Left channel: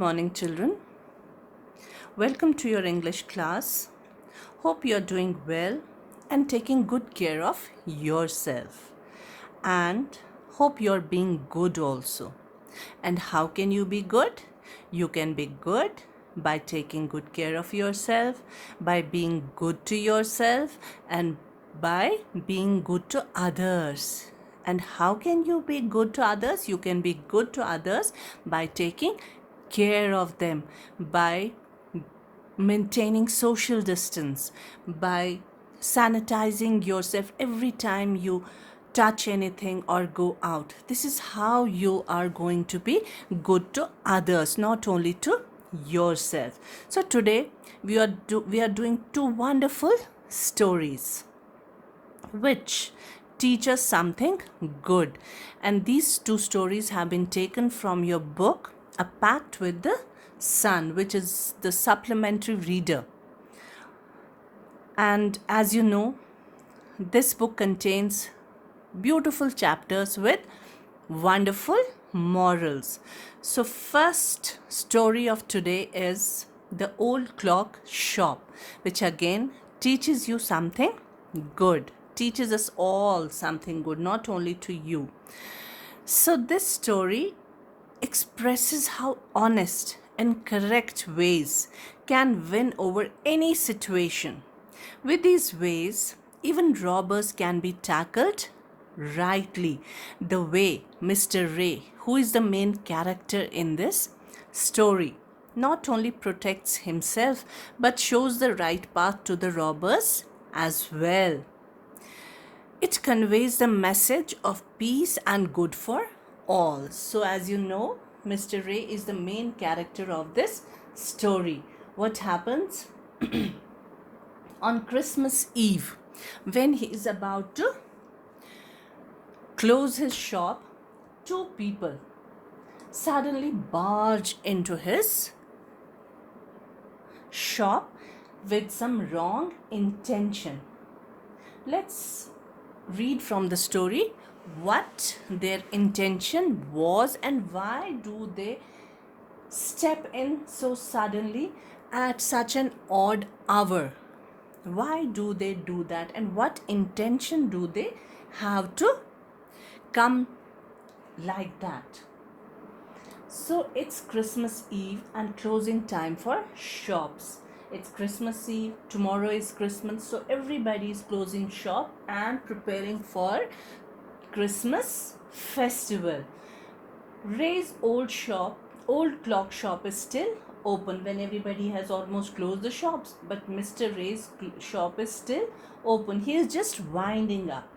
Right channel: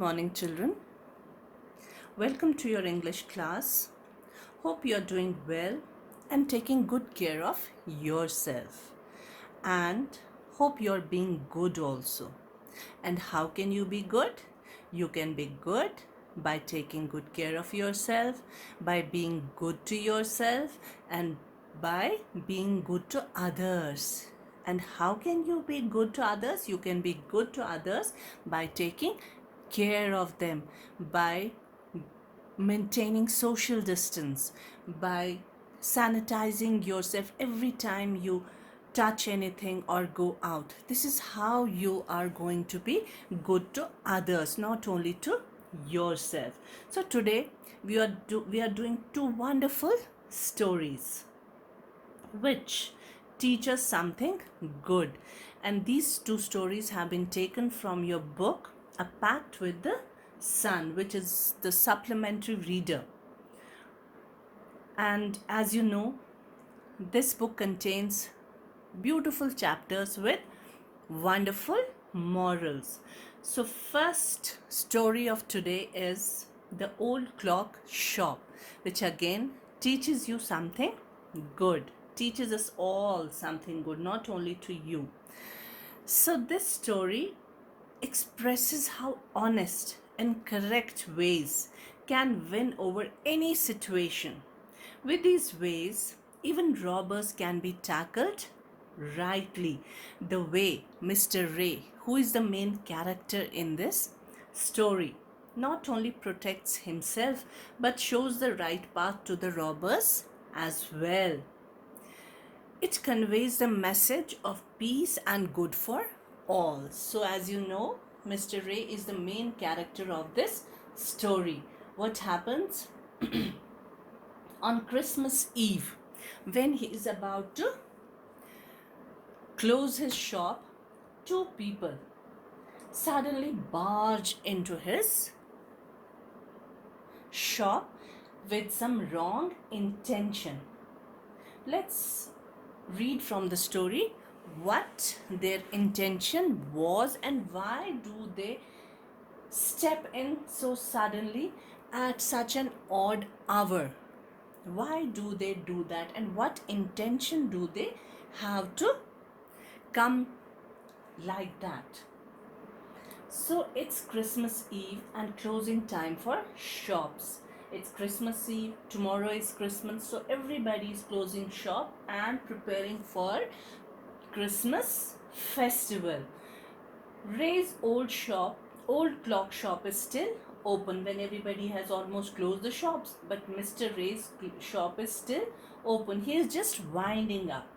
Morning, children. Welcome to your English class. Hope you are doing well and taking good care of yourself. And hope you're being good also. And how can you be good? You can be good by taking good care of yourself, by being good to yourself, and by being good to others. And how can you be good to others? You can be good to others by taking care of them, by maintaining social distance, by sanitizing yourself every time you touch anything or go out. This is how you are going to be good to others, not only to yourself. So today we are doing two wonderful stories which teach us something good. And these two stories have been taken from your book, A Pact with the Sun, which is the supplementary reader. And as you know, this book contains beautiful chapters with wonderful morals. So, first story of today is The Old Clock Shop, which again teaches you something good, teaches us all something good, not only to you. So, this story expresses how honest and correct ways can win over any situation. With these ways, even robbers can be tackled rightly, the way Mr. Ray, who is the main character in this story, not only protects himself but shows the right path to the robbers as well. It conveys the message of peace and good for all. So, as you know, Mr. Ray is the main character of this story. What happens on Christmas Eve when he is about to close his shop? Two people suddenly barge into his shop with some wrong intention. Let's read from the story what their intention was and why do they step in so suddenly at such an odd hour. Why do they do that and what intention do they have to come like that? So it's Christmas Eve and closing time for shops. It's Christmas Eve, tomorrow is Christmas, so everybody is closing shop and preparing for Christmas festival. Ray's old clock shop is still open when everybody has almost closed the shops, but Mr. Ray's shop is still open. He is just winding up.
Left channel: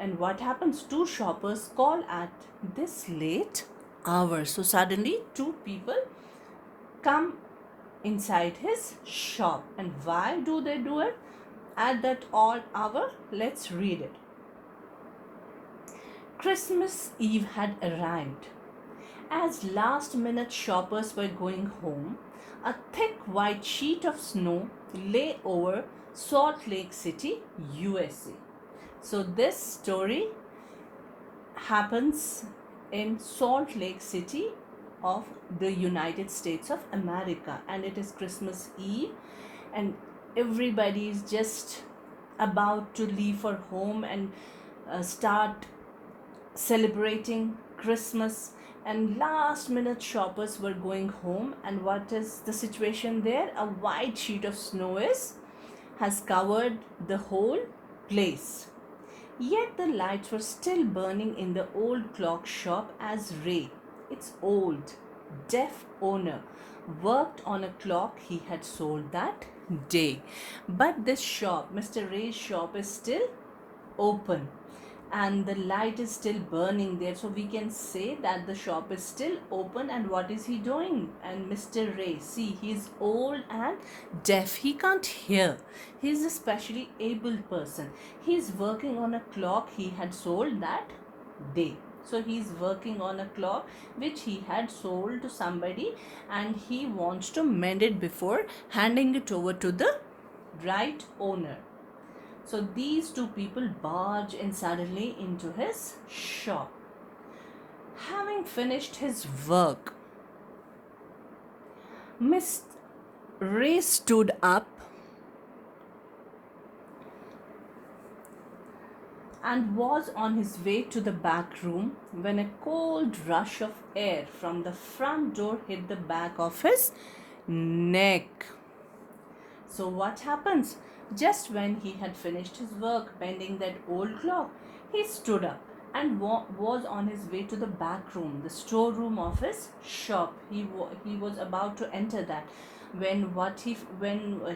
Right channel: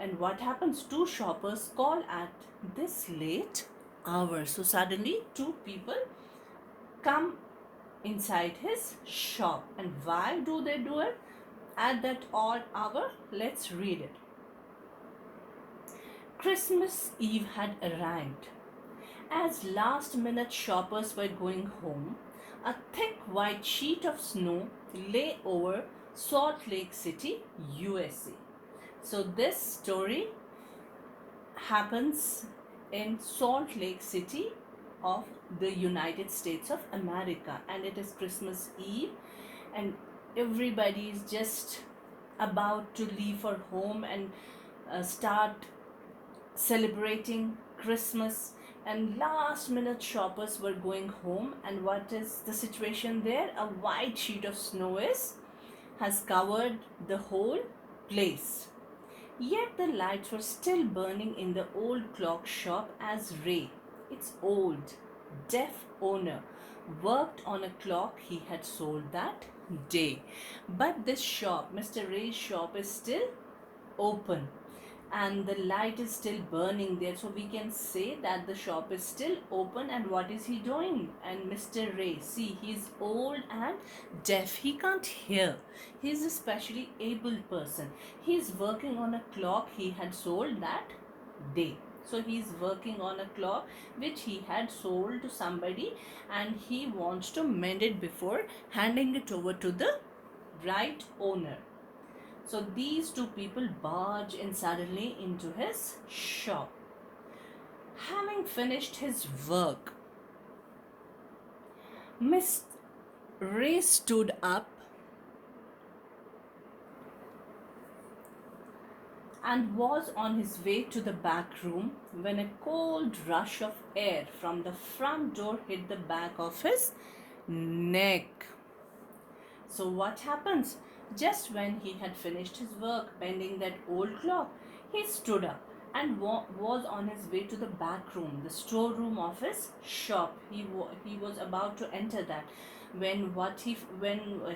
And what happens? Two shoppers call at this late hour. So suddenly, two people come inside his shop. And why do they do it at that odd hour? Let's read it. Christmas Eve had arrived. As last minute shoppers were going home, a thick white sheet of snow lay over Salt Lake City, USA. So, this story happens in Salt Lake City of the United States of America, and it is Christmas Eve, and everybody is just about to leave for home and start celebrating Christmas, and last minute shoppers were going home. And what is the situation there? A white sheet of snow has covered the whole place. Yet the lights were still burning in the old clock shop as Ray, its old, deaf owner, worked on a clock he had sold that day. But this shop, Mr. Ray's shop, is still open and the light is still burning there, so we can say that the shop is still open. And what is he doing? And Mr. Ray, see, he's old and deaf, he can't hear, he's a specially able person. He's working on a clock he had sold that day. So he's working on a clock which he had sold to somebody and he wants to mend it before handing it over to the right owner. So these two people barge in suddenly into his shop. Having finished his work, Miss Ray stood up and was on his way to the back room when a cold rush of air from the front door hit the back of his neck. So, what happens? Just when he had finished his work bending that old clock, he stood up and was on his way to the back room, the storeroom of his shop. He was about to enter that when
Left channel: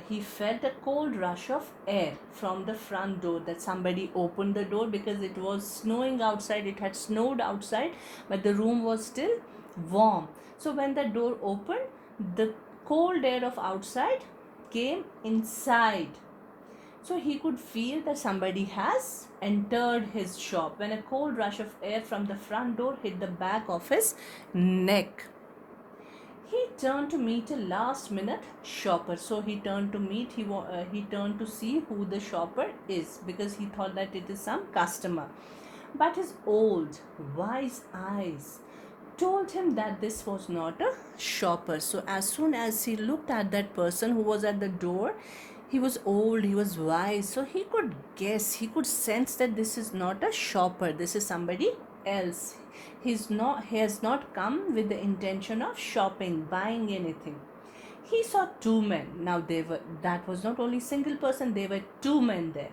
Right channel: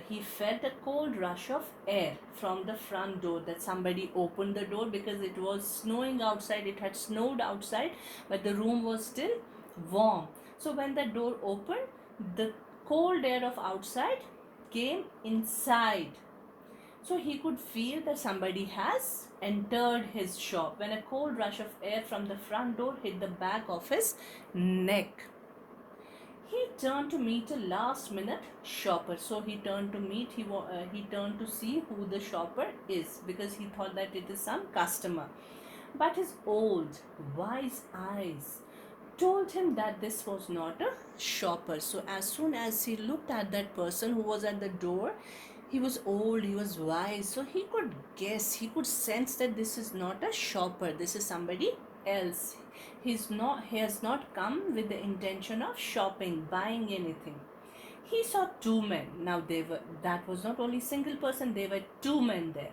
he felt a cold rush of air from the front door, that somebody opened the door because it was snowing outside. It had snowed outside, but the room was still warm. So when the door opened, the cold air of outside came inside. So he could feel that somebody has entered his shop when a cold rush of air from the front door hit the back of his neck. He turned to meet a last minute shopper. So he turned to meet, he turned to see who the shopper is because he thought that it is some customer. But his old, wise eyes told him that this was not a shopper. So as soon as he looked at that person who was at the door, he was old, he was wise, so he could guess, he could sense that this is not a shopper, this is somebody else. He has not come with the intention of shopping, buying anything. He saw two men. Now they were that was not only single person, there were two men there.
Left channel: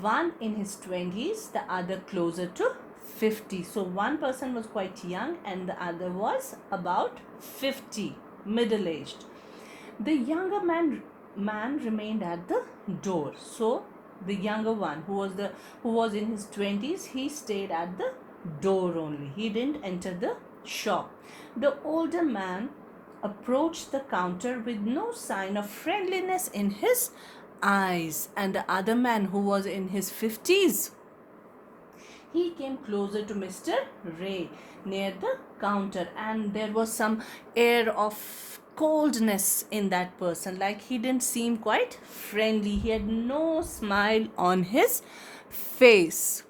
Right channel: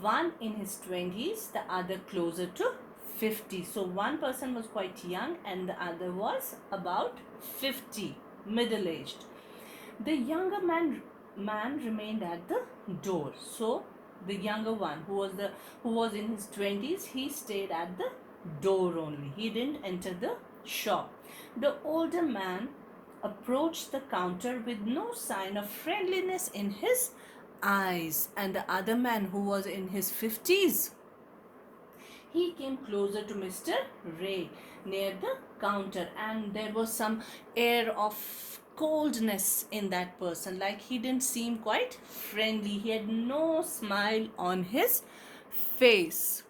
One in his 20s, the other closer to 50. So one person was quite young and the other was about 50, middle aged. The younger man remained at the door. So the younger one who was in his 20s, he stayed at the door only. He didn't enter the shop. The older man approached the counter with no sign of friendliness in his eyes, and the other man who was in his 50s, he came closer to Mr. Ray near the counter, and there was some air of coldness in that person, like he didn't seem quite friendly. He had no smile on his face.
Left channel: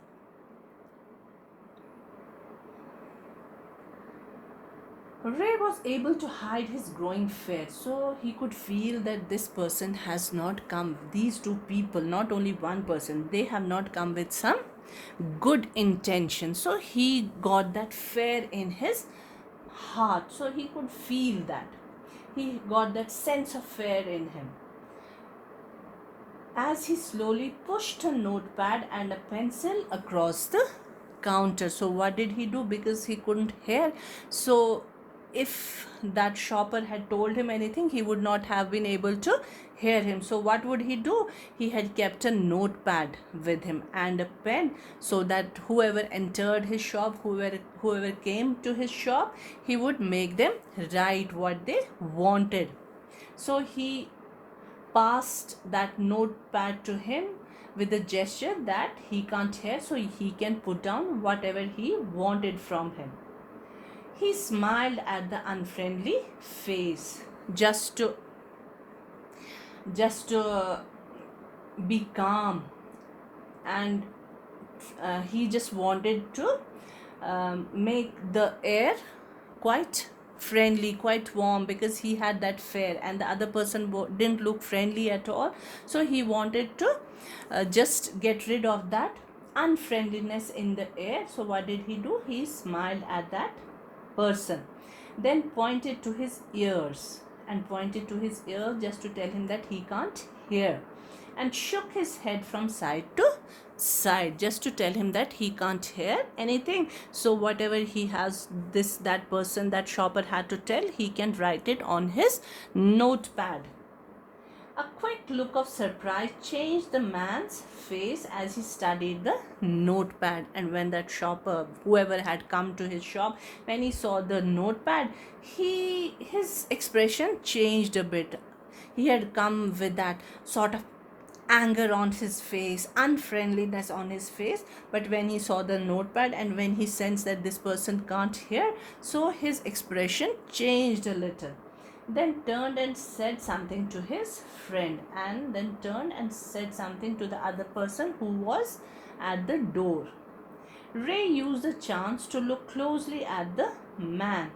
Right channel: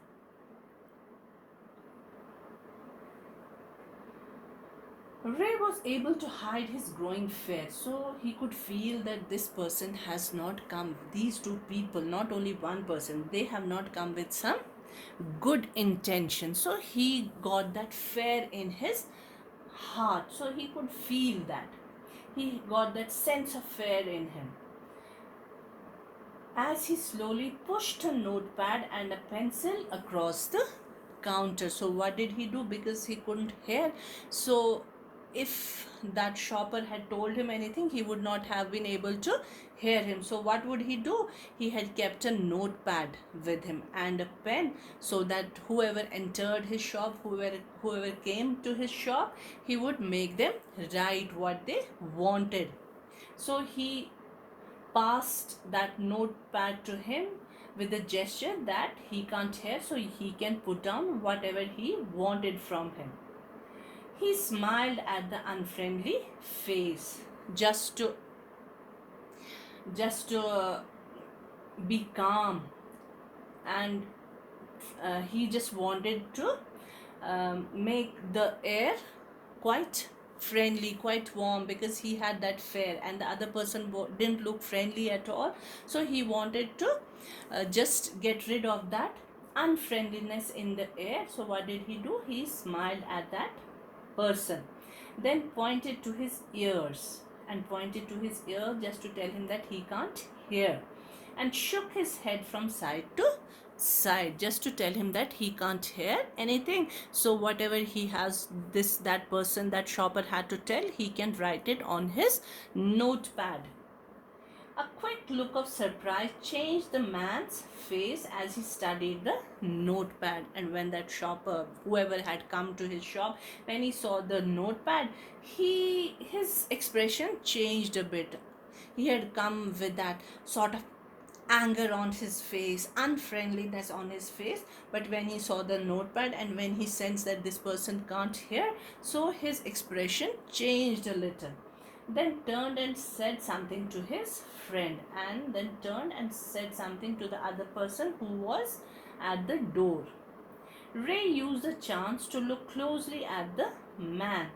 Ray was able to hide his growing fear, so he could feel that this person has not come. These two people, not only one person, they have not come with some good intention. So he got that fear in his heart. So he could feel that. He got that sense of fear in him. As he slowly pushed a notepad and a pencil across the counter. So what did he do? Because he couldn't hear. So if that shopper had told him anything, he would not have been able to hear him. So what would he do? He had kept a notepad with him and a pen, so that whoever entered his shop, whoever came to his shop, he would make them write what they wanted. So he passed that notepad to him with a gesture that he can't hear, so he can put down whatever he wanted from him. He smiled at the unfriendly face just to be calm, and he just wanted to make the air quite friendly, quite warm, because he had that fear and the other person didn't look friendly at all. So he wanted to just get rid of that unfriendliness in the air. So what did he do? He smiled at that person, then pointed to his ears just to tell him that he can't hear, and shook his head from side to side just to tell him that he can't hear anything. So whatever he has, that person, that shopper had to tell, he can write it on his notepad. A quick look of surprise changed the man's face as he studied the notepad. And when that shopper, whoever had come to his shop, when he saw the notepad, his expression changed a bit. He had come with that sort of anger on his face, unfriendliness on his face, but when he saw the notepad and when he sensed that this person can't hear, so his expression changed a little. Then turned and said something to his friend, and then turned and said something to the other person who was at the door. Ray used the chance to look closely at the man.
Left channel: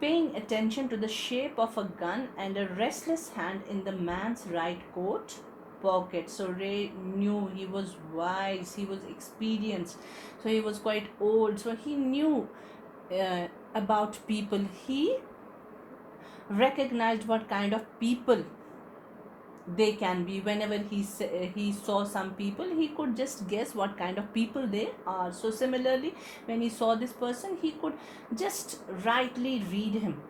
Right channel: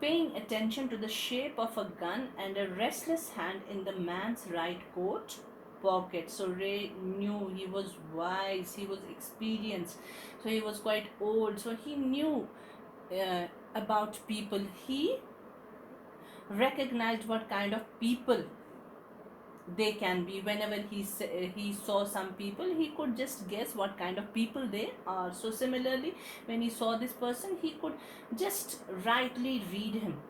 paying attention to the shape of a gun and a restless hand in the man's right coat pocket. So Ray knew, he was wise, he was experienced, so he was quite old, so he knew about people. He recognized what kind of people they can be. Whenever he saw some people, he could just guess what kind of people they are. So similarly, when he saw this person, he could just rightly read him,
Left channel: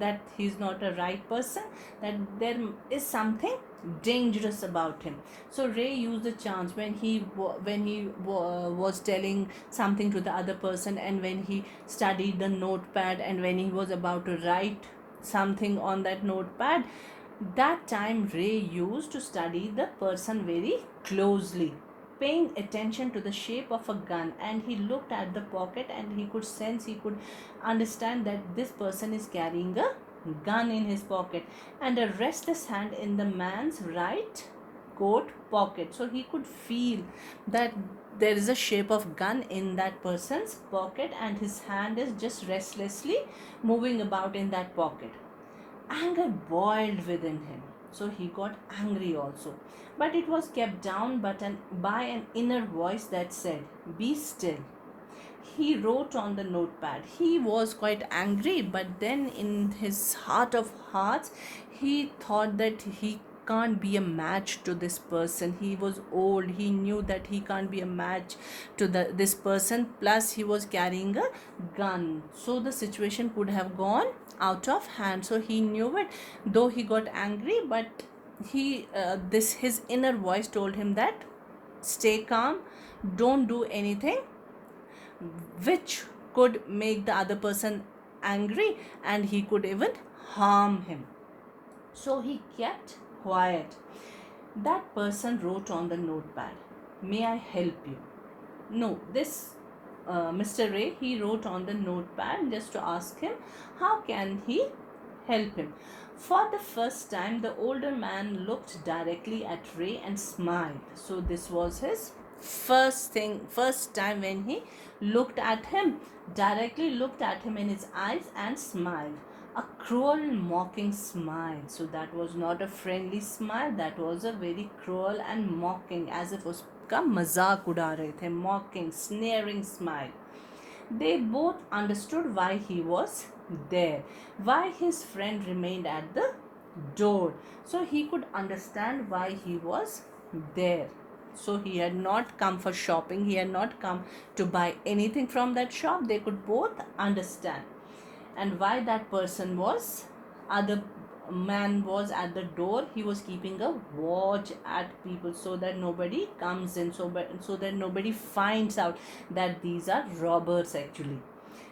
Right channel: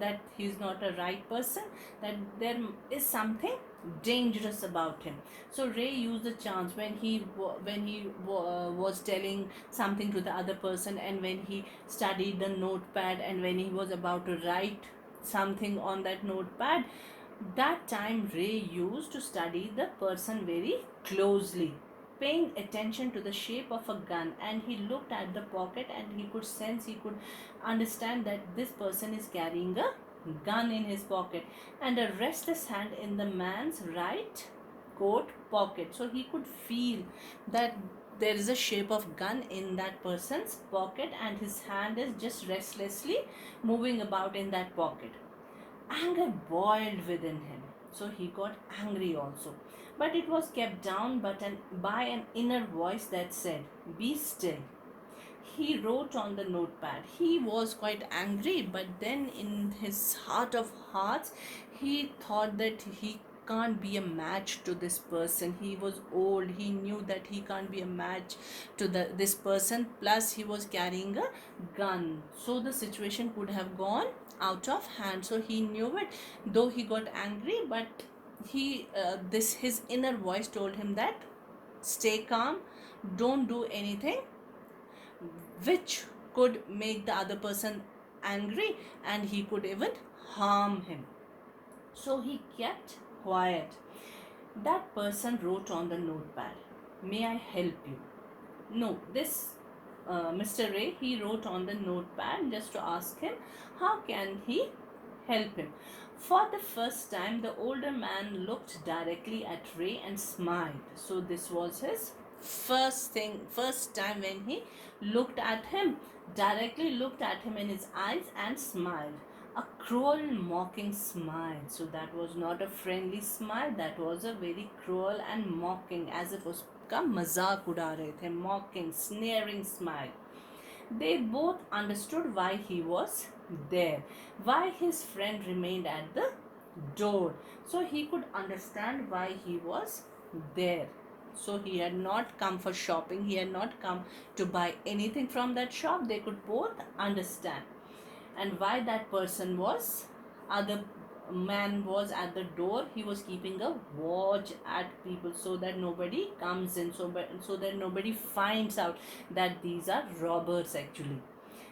that he's not a right person, that there is something dangerous about him. So Ray used the chance when was telling something to the other person, and when he studied the notepad, and when he was about to write something on that notepad, that time Ray used to study the person very closely, paying attention to the shape of a gun, and he looked at the pocket, and he could sense, he could understand that this person is carrying a gun in his pocket, and a restless hand in the man's right coat pocket. So he could feel that there is a shape of gun in that person's pocket, and his hand is just restlessly moving about in that pocket. Anger boiled within him, so he got angry also. But it was kept down by an inner voice that said, "Be still." He wrote on the notepad. He was quite angry, but then in his heart of hearts, he thought that he can't be a match to this person. He was old. He knew that he can't be a match to this person. Plus, he was carrying a gun. So the situation could have gone out of hand. So he knew it. Though he got angry, but his inner voice told him that stay calm, don't do anything which could make the other person angry, and he could even harm him. So he kept quiet. That person wrote on the notepad, "May I help you?" No, this Mr. Ray, he wrote on the notepad just to ask him how can he help him. For the first time, the older man looked directly at Ray and smiled. So this was his first time when he looked at him, directly looked at him in his eyes and smiled. A cruel, mocking smile. So that was not a friendly smile, that was a very cruel and mocking, as if उसका मजाक उड़ा रहे थे, mocking, sneering smile. They both understood why he was there, why his friend remained at the door. So he could understand why he was there. So he had not come for shopping, he had not come to buy anything from that shop. They could both understand. And why that person was, other man was at the door, he was keeping a watch at people so that nobody comes in, so that nobody finds out that these are robbers. Actually,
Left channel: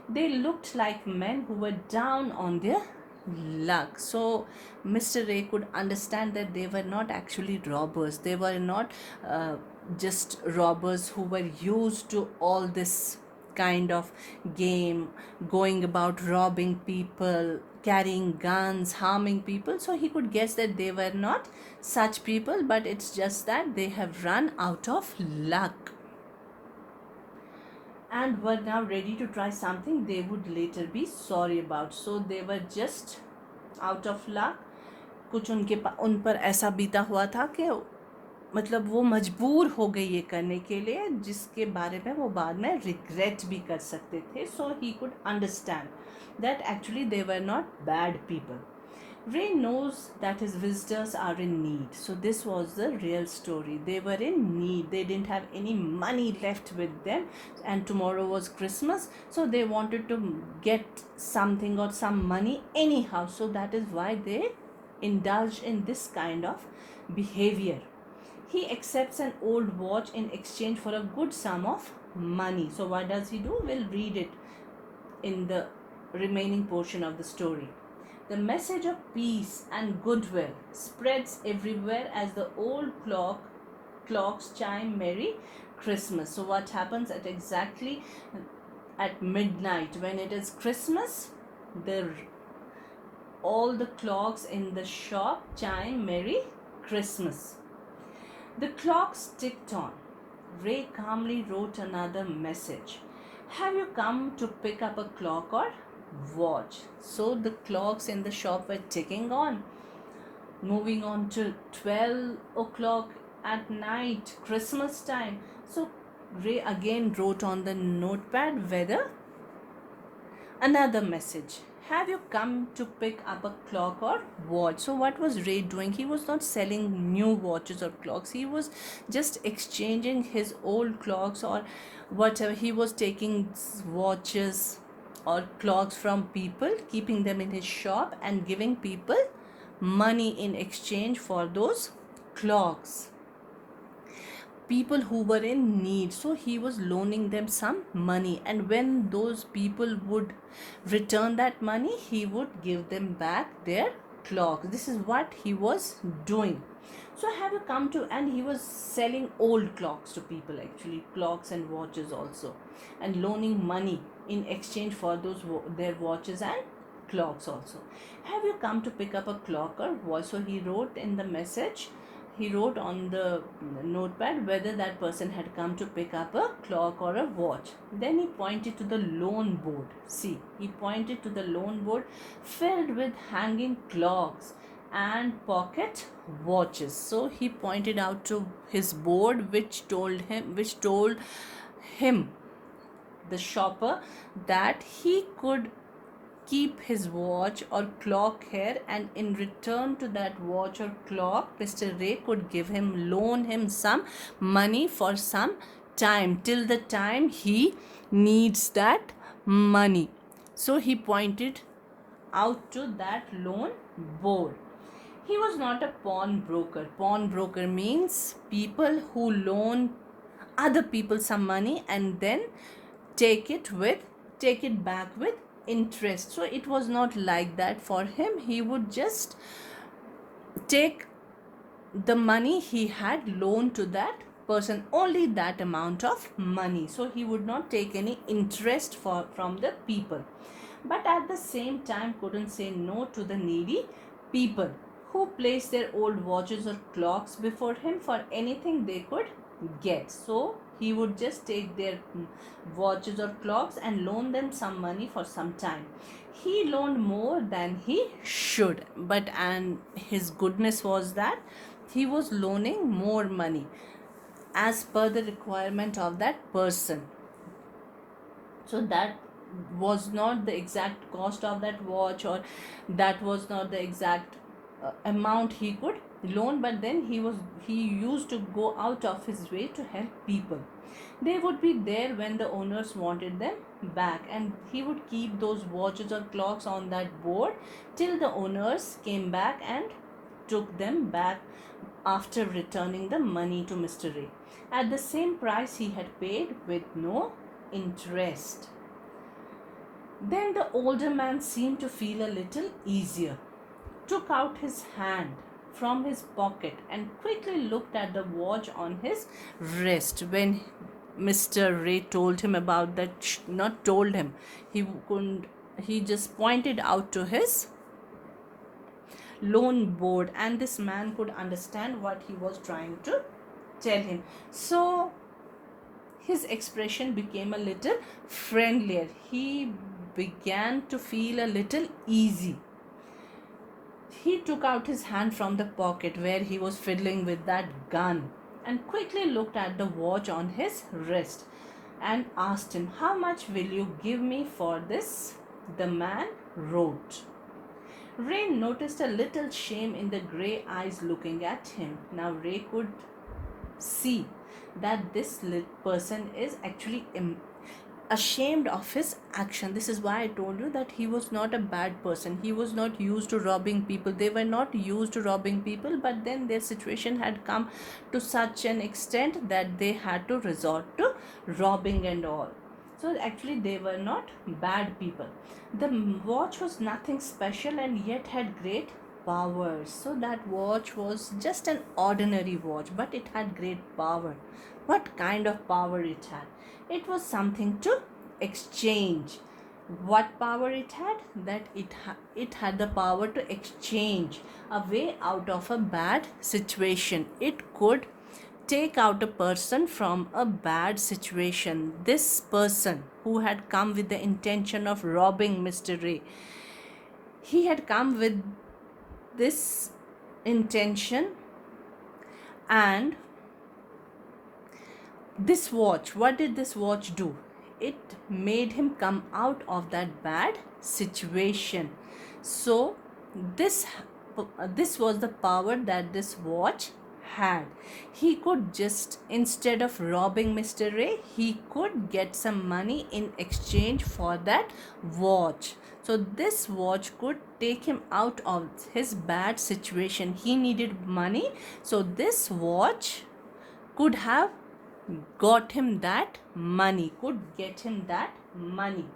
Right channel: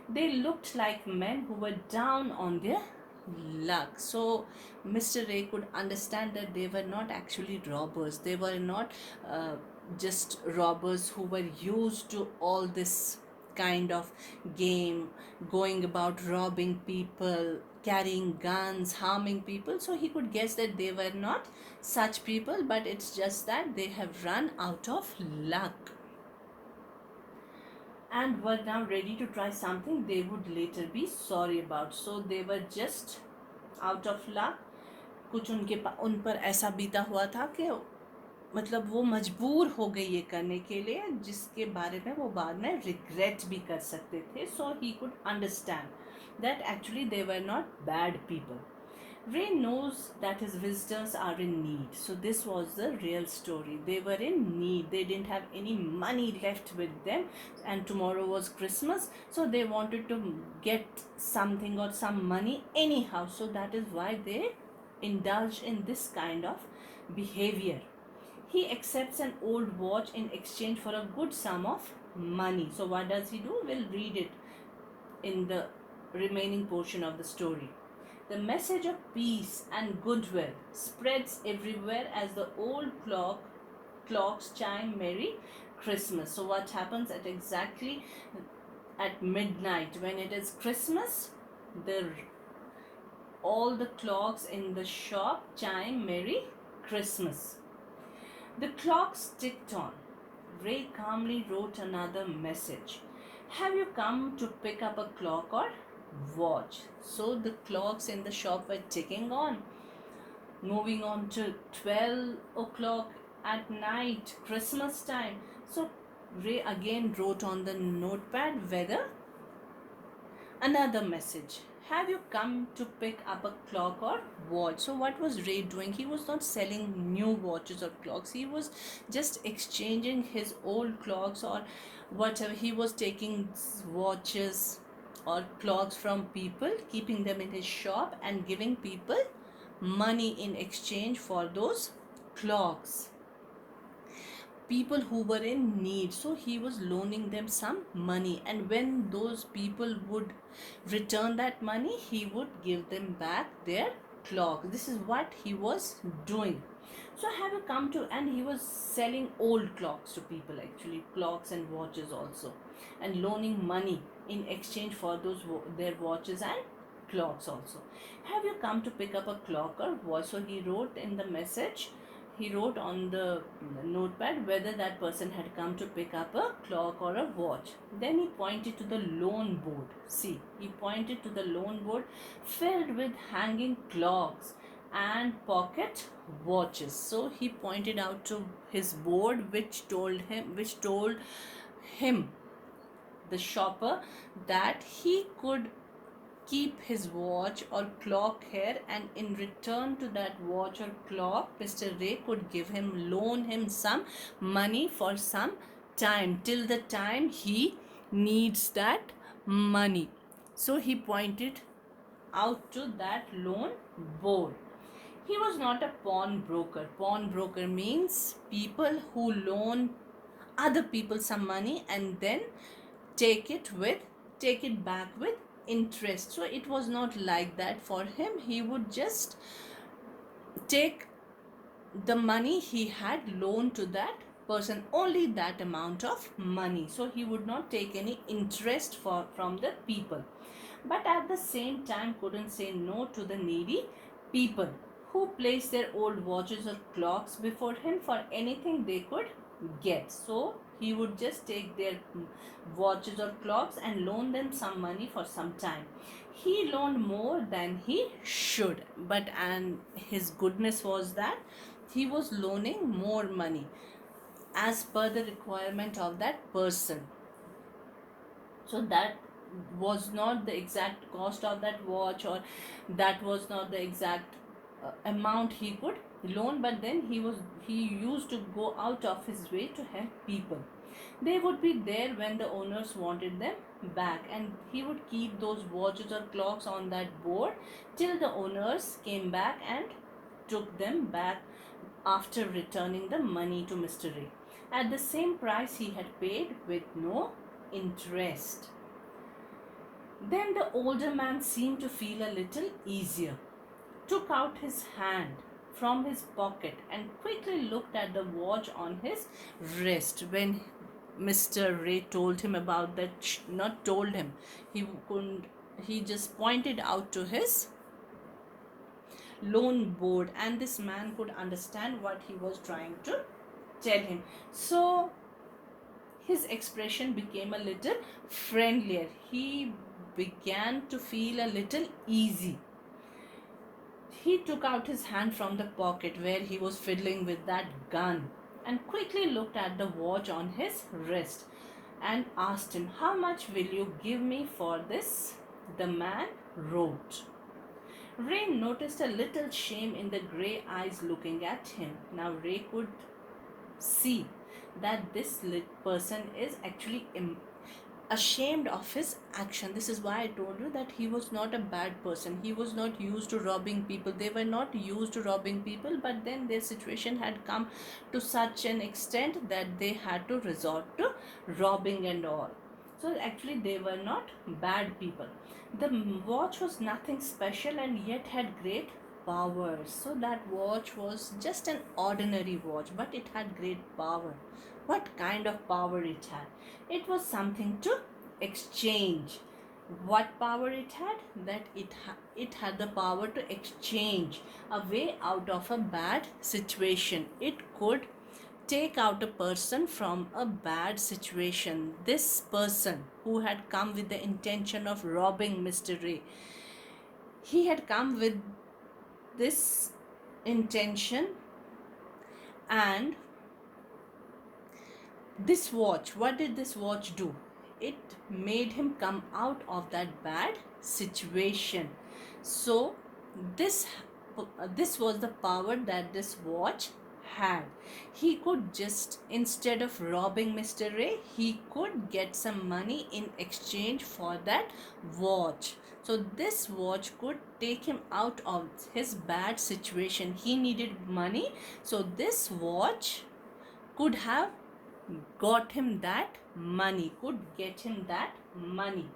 they looked like men who were down on their luck. So Mr. Ray could understand that they were not actually robbers, they were not just robbers who were used to all this kind of game, going about robbing people, carrying guns, harming people. So he could guess that they were not such people, but it's just that they have run out of luck and were now ready to try something they would later be sorry about. So they were just out of luck. कुछ उन पर ऐसा बीता हुआ था कि मतलब वो मजबूर हो गए ये करने के लिए, जिसके बारे में वो बाद में रिग्रेट भी कर सकते थे. So he could understand that actually they were not bad people. Ray knows that his visitors are in need. So this was the real story. They were in need. They didn't have any money left with them, and tomorrow was Christmas. So they wanted to get something or some money anyhow. So that is why they indulged in this kind of behavior. He accepts an old watch in exchange for a good sum of money. So what does he do? We'll read it in the remaining portion of the story. The message of peace and goodwill spreads everywhere as the old clocks chime Merry Christmas. So what happens at exactly at midnight when it is Christmas? All the clocks in the shop chime Merry Christmas. The clocks ticked on. Ray calmly wrote another message. Have you come to pick up a clock or watch. So the clocks in the shop were ticking on, moving on to 12 o'clock at night, Christmas time. So Ray again wrote on the notepad whether another message. Have you come to pick up a clock or watch? So, what was Ray doing? He was not selling new watches or clocks. He was just exchanging his old clocks or whatever. He was taking watches or clocks from people, keeping them in his shop, and giving people money in exchange for those clocks, people who were in need. So he was loaning them some money, and when those people would return that money, he would give them back their clocks. This is what he was doing. So have you come to, and he was selling old clocks to people, actually clocks and watches also, and loaning money in exchange for those their watches and clocks also. Have you come to pick up a clock or watch? So he wrote in the message, he wrote on the notepad whether that person had come to pick up a clock or a watch. Then he pointed to the loan board. See, he pointed to the loan board filled with hanging clocks and pocket watches. So he pointed out to his board, which told him, the shopper, that he could keep his watch or clock here, and in return to that watch or clock, Mr. Ray could loan him some money for some time, till the time he needs that money. So he pointed out to that loan board. He was not a pawnbroker. Pawnbroker means people who loan other people some money and then take it back with interest. So it was not like that for him. He would just take the money he had loaned to that person, only that amount of money. So he would not take any interest from the people, but at the same time couldn't say no to the needy people who placed their old watches or clocks before him for anything they could get. So he would just take their watches or clocks and loan them some money for some time. He loaned more than he should, but and his goodness was that he was loaning more money as per the requirement of that person. So that was not the exact cost of that watch, or that was not the exact amount he could loan, but then he used to go out of his way to help people. They would be there when the owners wanted them back, and he would keep those watches or clocks on that board till the owners came back and took them back after returning the money to Mr. Ray at the same price he had paid, with no interest. Then the older man seemed to feel a little easier, took out his hand from his pocket and quickly looked at the watch on his wrist. When Mr. Ray told him about that, not told him, he couldn't, he just pointed out to his loan board, and this man could understand what he was trying to tell him. So his expression became a little friendlier. He began to feel a little easy. He took out his hand from the pocket where he was fiddling with that gun and quickly looked at the watch on his wrist and asked him, "How much will you give me for this?" The man wrote. Ray noticed a little shame in the grey eyes looking at him. Now Ray could see that this person is actually ashamed of his action. This is why I told you that he was not a bad person. He was not used to robbing people. They were not used to robbing people, but then their situation had come to such an extent that they had to resort to robbing and all. So actually they were not bad people. The watch was nothing special and yet had great powers. So that watch was just an ordinary watch, but it had great power. What kind of power it had? It was something to exchange. What power it had? That it had the power to exchange a way out of a bad situation. It could take out a person from a bad situation. This person who had come with the intention of robbing Mr. Ray, he had come with this intention, and this watch, what did this watch do? It made him come out of that bad situation. So this this was the power that this watch had. He could just, instead of robbing Mr. Ray, he could get some money in exchange for that watch. So this watch could take him out of his bad situation. He needed money, so this watch could have got him that money, could get him that money.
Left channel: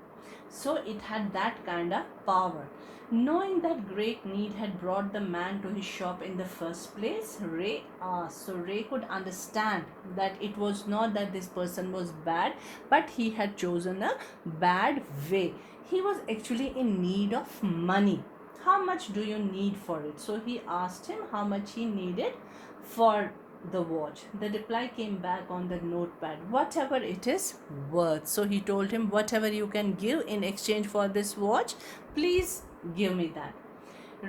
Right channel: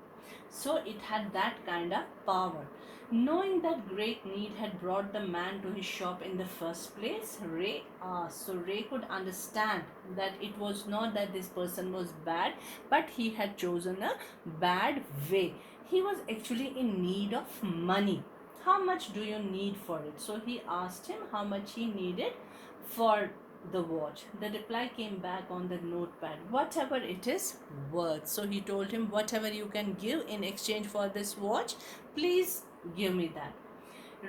So it had that kind of power. Knowing that great need had brought the man to his shop in the first place, Ray asked. So Ray could understand that it was not that this person was bad, but he had chosen a bad way. He was actually in need of money. How much do you need for it? So he asked him how much he needed for the watch. The reply came back on the notepad, whatever it is worth. So he told him, whatever you can give in exchange for this watch, please give me that.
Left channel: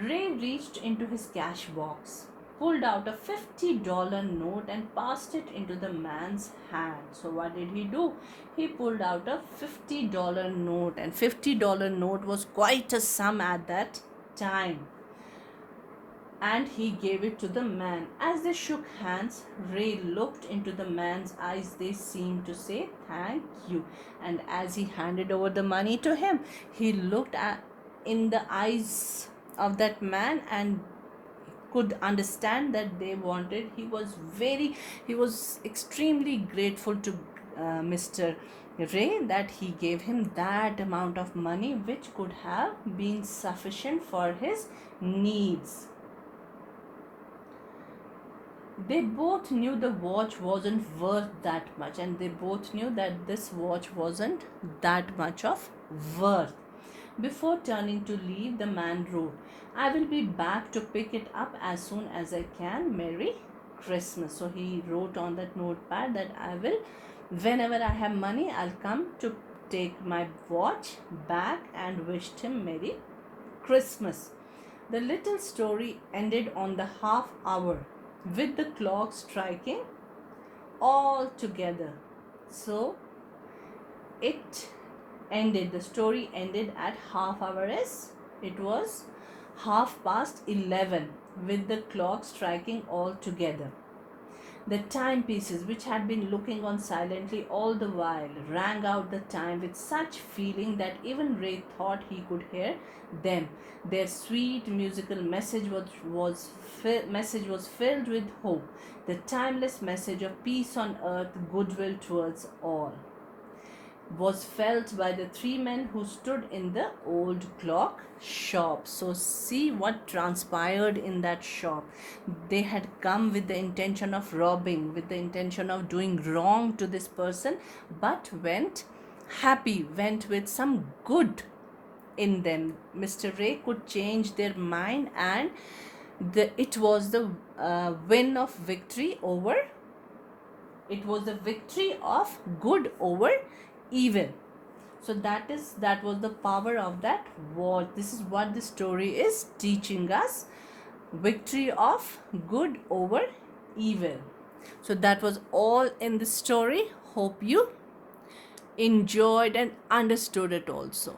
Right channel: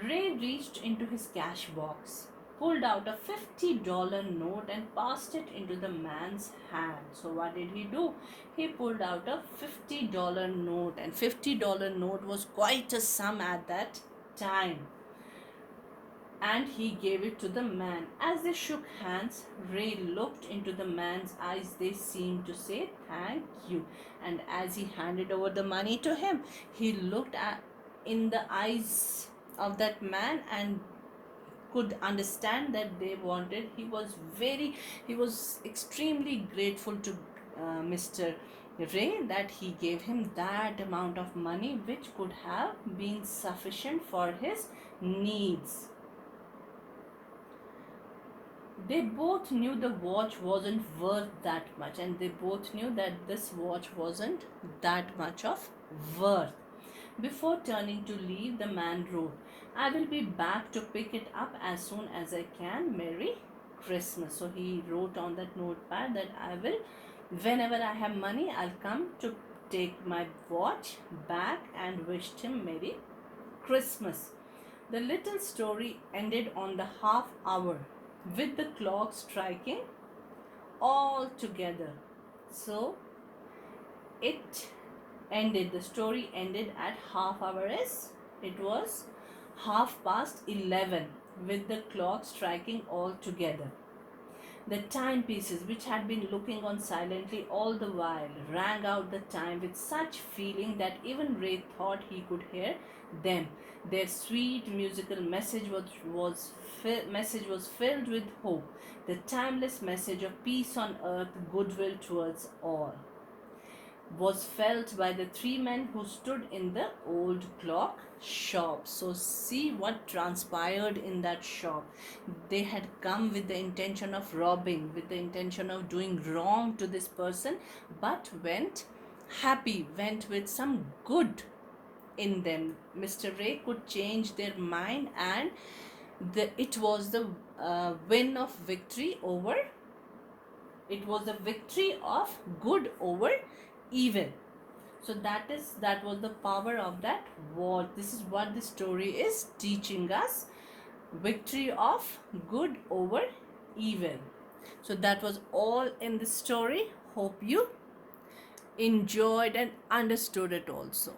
Ray reached into his cash box, pulled out a $50 note and passed it into the man's hand. So what did he do? He pulled out a $50 note, and $50 note was quite a sum at that time, and he gave it to the man. As they shook hands, Ray looked into the man's eyes. They seemed to say thank you. And as he handed over the money to him, he looked in the eyes of that man and could understand that they wanted. He was extremely grateful to Mr. Ray that he gave him that amount of money, which could have been sufficient for his needs. They both knew the watch wasn't worth that much, and they both knew that this watch wasn't that much of worth. Before turning to leave, the man wrote, I will be back to pick it up as soon as I can. Merry Christmas. So he wrote on that notepad that whenever I have money, I'll come to take my watch back, and wished him Merry Christmas. The little story ended on the half hour, with the clock striking all together. So the story ended at half hour, as it was 11:30, with the clock striking all together. The timepieces, which had been looking on silently all the while, rang out the time with such feeling that even Ray thought he could hear them. Their sweet musical message was filled with hope, the timeless message of peace on earth, goodwill towards all, was felt by the three men who stood in the old clock shop. So see what transpired in that shop. They had come with the intention of robbing, with the intention of doing wrong to this person, but went happy, went with some good in them. Mr. Ray could change their mind, and it was the win of victory over, it was the victory of good over evil. So that was the power of that war. This is what the story is teaching us: victory of good over evil. So that was all in the story. Hope you enjoyed and understood it also.